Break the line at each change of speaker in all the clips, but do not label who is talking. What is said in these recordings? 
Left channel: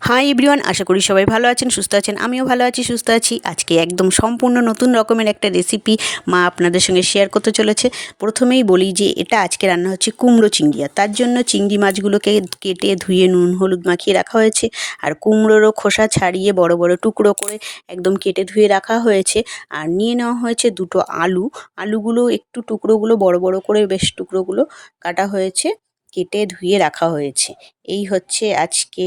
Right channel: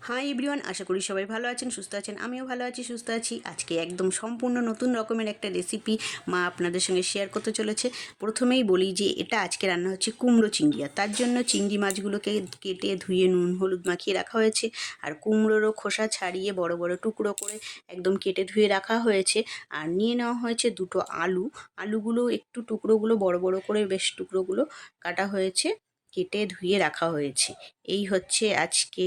Hi everyone আশা করি সবাই ভালো আছেন, সুস্থ আছেন। আমিও ভালো আছি, সুস্থ আছি। আজকে একদম সম্পূর্ণ নতুন রকমের একটা রেসিপি মা আপনাদের সঙ্গে শেয়ার করতে চলেছে। প্রথমেই বলি যে, এটা আজকে রান্না হচ্ছে কুমড়ো চিংড়ি। আর তার জন্য চিংড়ি মাছগুলোকে কেটে ধুয়ে নুন, হলুদ মাখিয়ে রাখা হয়েছে। আর কুমড়োরও খোসা ছাড়িয়ে বড় বড় টুকরো করে একদম কেটে ধুয়ে রাখা হয়েছে। আর নিয়ে নেওয়া হয়েছে দুটো আলু। আলুগুলো একটু টুকরোগুলো বড় বড় করে বেশ টুকরোগুলো কাটা হয়েছে। কেটে ধুয়ে রাখা হয়েছে। এই হচ্ছে আজকে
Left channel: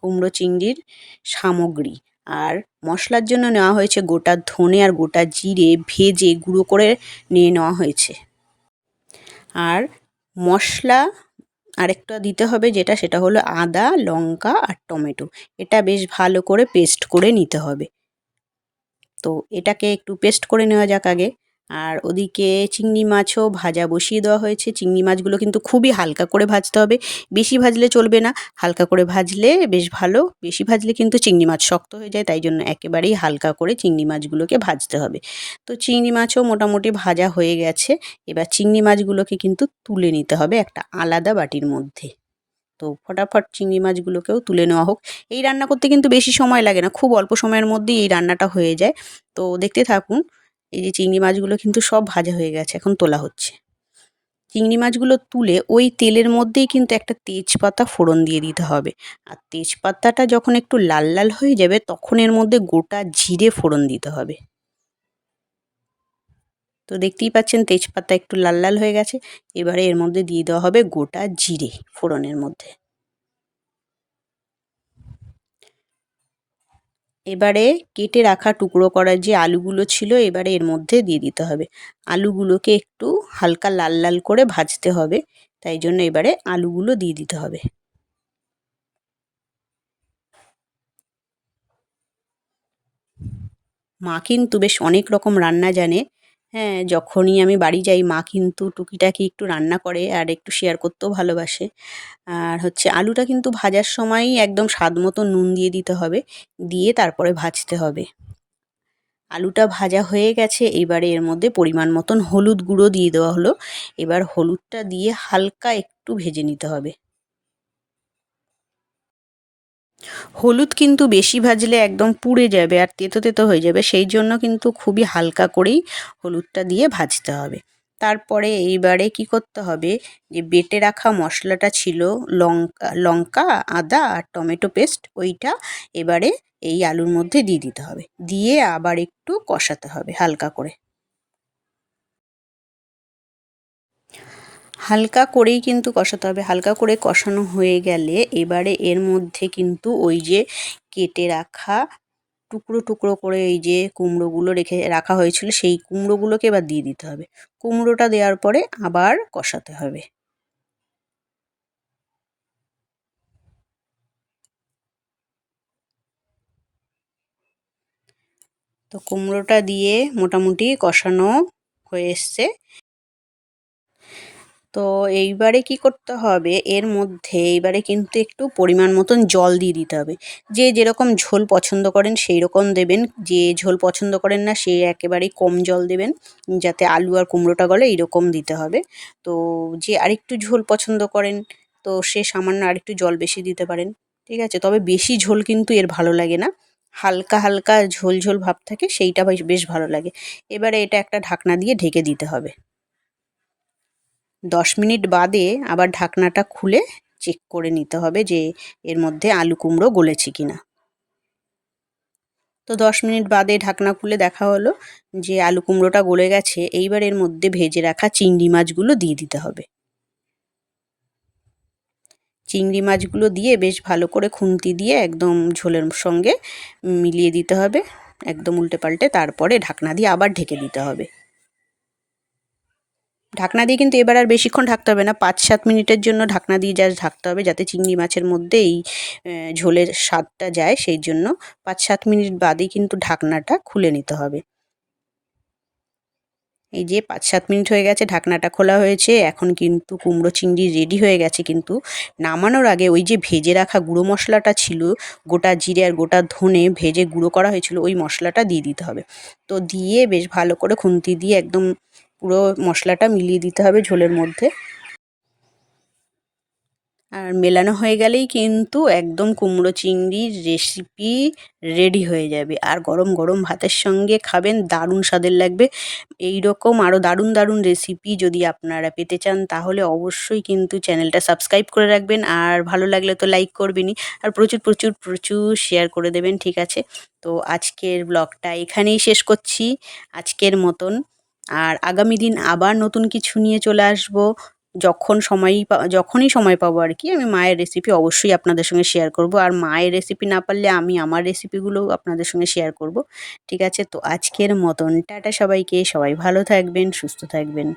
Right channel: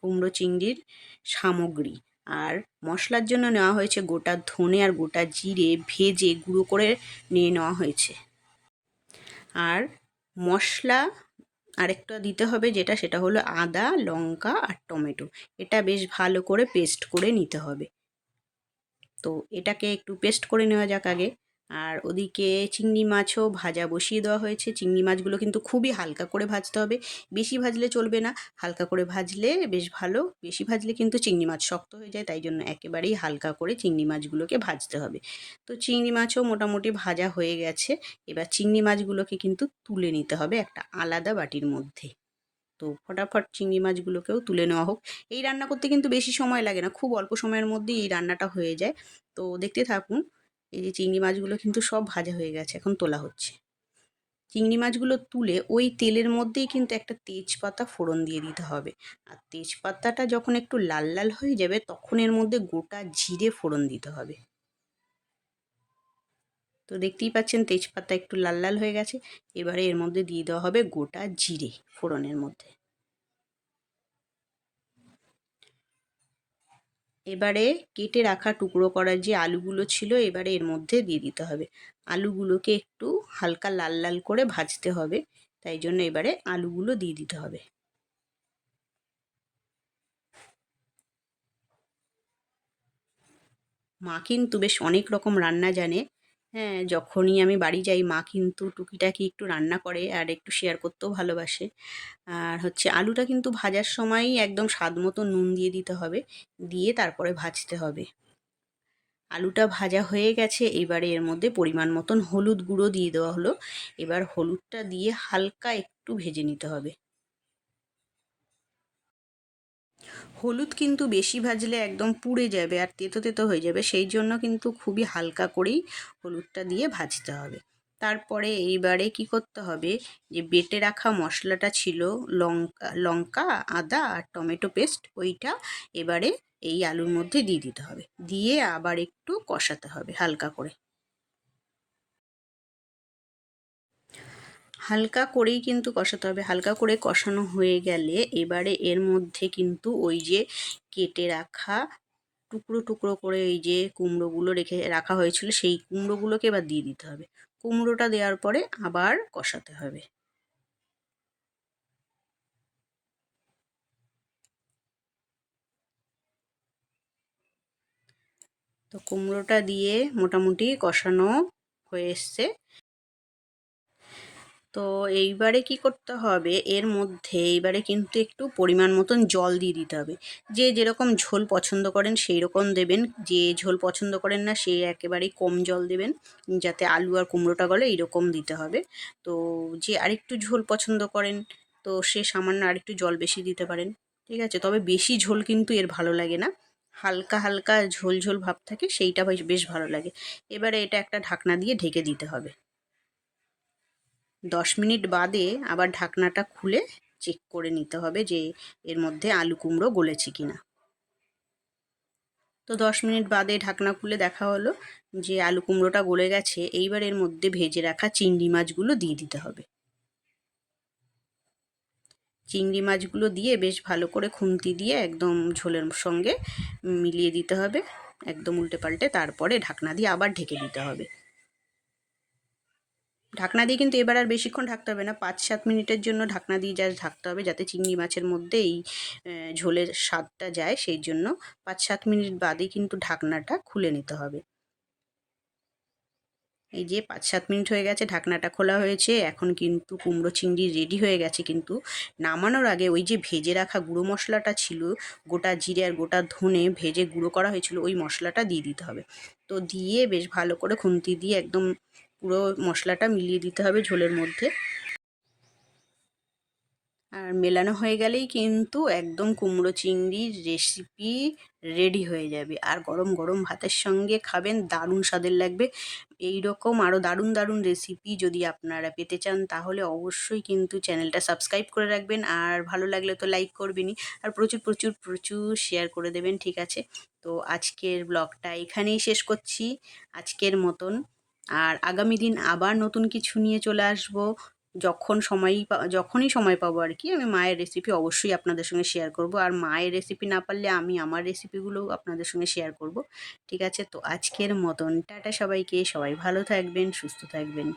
কুমড়ো চিংড়ির সামগ্রী। আর মশলার জন্য নেওয়া হয়েছে গোটা ধনে আর গোটা জিরে ভেজে গুঁড়ো করে নিয়ে নেওয়া হয়েছে। আর মশলা আরেকটা দিতে হবে যেটা, সেটা হলো আদা, লঙ্কা আর টমেটো। এটা বেশ ভালো করে পেস্ট করে নিতে হবে। তো এটাকে একটু পেস্ট করে নেওয়া যাক আগে। আর ওদিকে চিংড়ি মাছও ভাজা বসিয়ে দেওয়া হয়েছে। চিংড়ি মাছগুলো কিন্তু খুবই হালকা করে ভাজতে হবে। বেশি ভাজলে চলবে না। হালকা করে ভাজলে বেশ ভালো। বেশি ভাজলে কিন্তু চিংড়ি মাছ শক্ত হয়ে যায়, তাই জন্য একেবারেই হালকা করে চিংড়ি মাছগুলোকে ভাজতে হবে। তো চিংড়ি মাছও মোটামুটি ভাজা হয়ে গেছে। এবার চিংড়ি মাছগুলোকে কিন্তু তুলে নিতে হবে একটা আলাদা বাটির মধ্যে। তো ফটাফট চিংড়ি মাছগুলোকেও তুলে নেওয়া হোক। এই রান্না করতে কিন্তু বেশি সময় লাগে না। খুব অল্প সময়ের মধ্যেই এই রান্নাটা হয়ে যায়। তো দেখতে থাকুন এই যে চিংড়ি মাছগুলো কিন্তু সব ভাজা হয়ে গেছে, এখন তোলা হচ্ছে। চিংড়ি মাছগুলো তুলে ওই তেলের মধ্যেই কিন্তু একটা তেজপাতা ফোড়ন দিয়ে দিতে হবে। আর তেজপাতাটা যখন একটু লাল লাল হয়ে যাবে, তখন এর মধ্যে গোটা জিরে ফোড়ন দিতে হবে। তো দেখতেই পাচ্ছেন তেজপাতা একটু লাল লাল হয়ে গেছে, এবারে এর মধ্যে দিয়ে দেওয়া হবে গোটা জিরে ফোড়নের মধ্যে। এবারে কেটে রাখা টুকরো করার যে আলুগুলো ছিল, এবারে এর মধ্যে দিয়ে দিতে হবে। আলুগুলোকে একটু হালকা লাল লাল করে ভাজতে হবে, তাই জন্য এবারে আলুগুলো দিয়ে দিতে হবে। মা কিন্তু বেশ অনেক রকম রান্না জানে হ্যাঁ যখনই আমি বাড়ি যাই, মা কিন্তু টুকিটাকি একটু রান্না করে আর একটু শেয়ার করতেও ভালোবাসে। আর হচ্ছে আলুটা কিন্তু ভাজার সময়ই একদম স্বাদ মতো নুন দিয়ে দিতে হবে, দিয়ে তারপরে ভাজতে হবে। আলুটা ভাজা হয়ে গেছে, এবারে এর মধ্যে পরিমাণ মতন হলুদ গুঁড়ো দিয়ে দেওয়া হলো। এবার হলুদটা দিয়ে হালকা একটু ভেজে নিতে হবে। হলুদ কিন্তু বেশি ভাজলে একদম পুড়ে যাবে আর তেতো তেতো হয়ে যাবে, সেই জন্য কিন্তু খুবই হালকা করেই হলুদটা দিয়ে ভাজতে হবে। তারপরে এইবারে কি করতে হবে যে বেটে রাখা মশলাটা ছিল লঙ্কা লঙ্কা, আদা আর টমেটো পেস্ট, ওইটা এবারে এই আলুর মধ্যে দিয়ে দিতে হবে। দিয়ে আবার একটু কষাতে হবে হালকা করে। হালকা করেই কিন্তু কষাতে হবে। হালকা করে কষানো হয়ে গেলে এবারে এর মধ্যে কিন্তু ওই যে কেটে রাখা টুকরো টুকরো করে এই যে কুমড়োগুলো রেখে রাখা হয়েছিল, সেই কুমড়োগুলোকে এবার দিয়ে দিতে হবে। কুমড়োটা দেওয়ার পরে আবার কষাতে হবে। তো কুমড়োটা দিয়ে মোটামুটি কষানো হয়ে এসছে। তো এইবারে কি করতে হবে? এর মধ্যে এইবারে কিন্তু একটু পরিমাণ মতন জল দিয়ে দিতে হবে। যে যেরকম ঝোল পছন্দ করেন সেই রকম দেবেন। যে ঝোল পছন্দ করেন না সে একেবারেই কম জল দেবেন। যাতে আলু আর কুমড়োটা গলে এইরকম দিতে হবে। তো যে আরেকটু ঝোল পছন্দ করেন, তো সে সামান্য আরেকটু জল বেশি দিতে পারেন। ঠিক আছে? তবে বেশি ঝোল কিন্তু এর ভালো লাগে না। হালকা হালকা ঝোল ঝোল ভাব থাকে সেইটা বেশ ভালো লাগে। এবারে এটা একটা ঢাকনা দিয়ে ঢেকে দিতে হবে। দশ মিনিট বাদে আবার ঢাকনাটা খুলে চেক করে নিতে হবে যে এর মধ্যে আলু কুমড়ো গলেছে কি না তো দশ মিনিট বাদে ঢাকনা খুলে দেখা হলো যে আলু কুমড়োটা গলে গেছে, এইবার এর মধ্যে ভেজে রাখা চিংড়ি মাছগুলো দিয়ে দিতে হবে। চিংড়ি মাছগুলো দিয়ে বেশ ভালো করে খুন্তি দিয়ে একদম ঝোলের সঙ্গে মিলিয়ে দিতে হবে, একদম উল্টে পাল্টে, তারপরে ঢাকনা দিয়ে আবার ঢেকে দিতে হবে। ঢাকনা দিয়ে কিন্তু এবার আর বেশিক্ষণ ঢাকতে হবে না। পাঁচ সাত মিনিটের জন্য ঢাকনা দিয়ে জাস্ট ঢাকতে হবে যাতে চিংড়ি মাছের মধ্যে এই ঝোলের স্বাদটা যায় সেই জন্য পাঁচ সাত মিনিট বাদেই কিন্তু ঢাকনাটা খুলে নিতে হবে। এই যে পাঁচ সাত মিনিট হয়ে গেছে, ঢাকনাটা খোলা হয়েছে। এখন কিন্তু কুমড়ো চিংড়ি রেডি হয়ে গেছে কিন্তু নামানোর আগে ওই যে ভেজে রাখা গুঁড়ো মশলাটা ছিল, গোটা জিরে আর গোটা ধনে ভেজে গুঁড়ো করা হয়েছিল, ওই মশলাটা দিয়ে দিতে হবে। তো দিয়ে বেশ ভালো করে খুন্তি দিয়ে একদম পুরো মশলাটা মিলিয়ে দিতে হবে ঝোলের মধ্যে। আর মেলানো হয়ে গেলেই কিন্তু একদম কুমড়ো চিংড়ির রেসিপি রেডি হয়ে যাবে। আর গরম গরম ভাতের সঙ্গে খাবেন, দারুণ স্বাদের লাগবে। এই রকম আরও দারুণ দারুণ রেসিপি যদি আপনারা পেতে চান, তাহলে অবশ্যই কিন্তু চ্যানেলটা সাবস্ক্রাইব করে রাখবেন। আর ভালো লাগলে তো লাইক করবেনই। আর প্রচুর প্রচুর প্রচুর শেয়ার করে দেবেন, ঠিক আছে? তো আজকের ব্লগটা এখানেই শেষ করছি। আজকের মতন। আর আগামী দিন আবার নতুন কিছু নিয়ে চলে আসব। যখন সময়ই যখনই সময় পাবো আর কি, আমি মায়ের রেসিপি অবশ্যই আপনাদের সঙ্গে শেয়ার করব। আর মায়ের রেসিপি না পারলে আমি আমার রেসিপিগুলো আপনাদের সঙ্গে শেয়ার করব। ঠিক আছে? তো আজকের মতন, টাটা সবাইকে, সবাই ভালো থাকবেন, সুস্থ থাকবেন।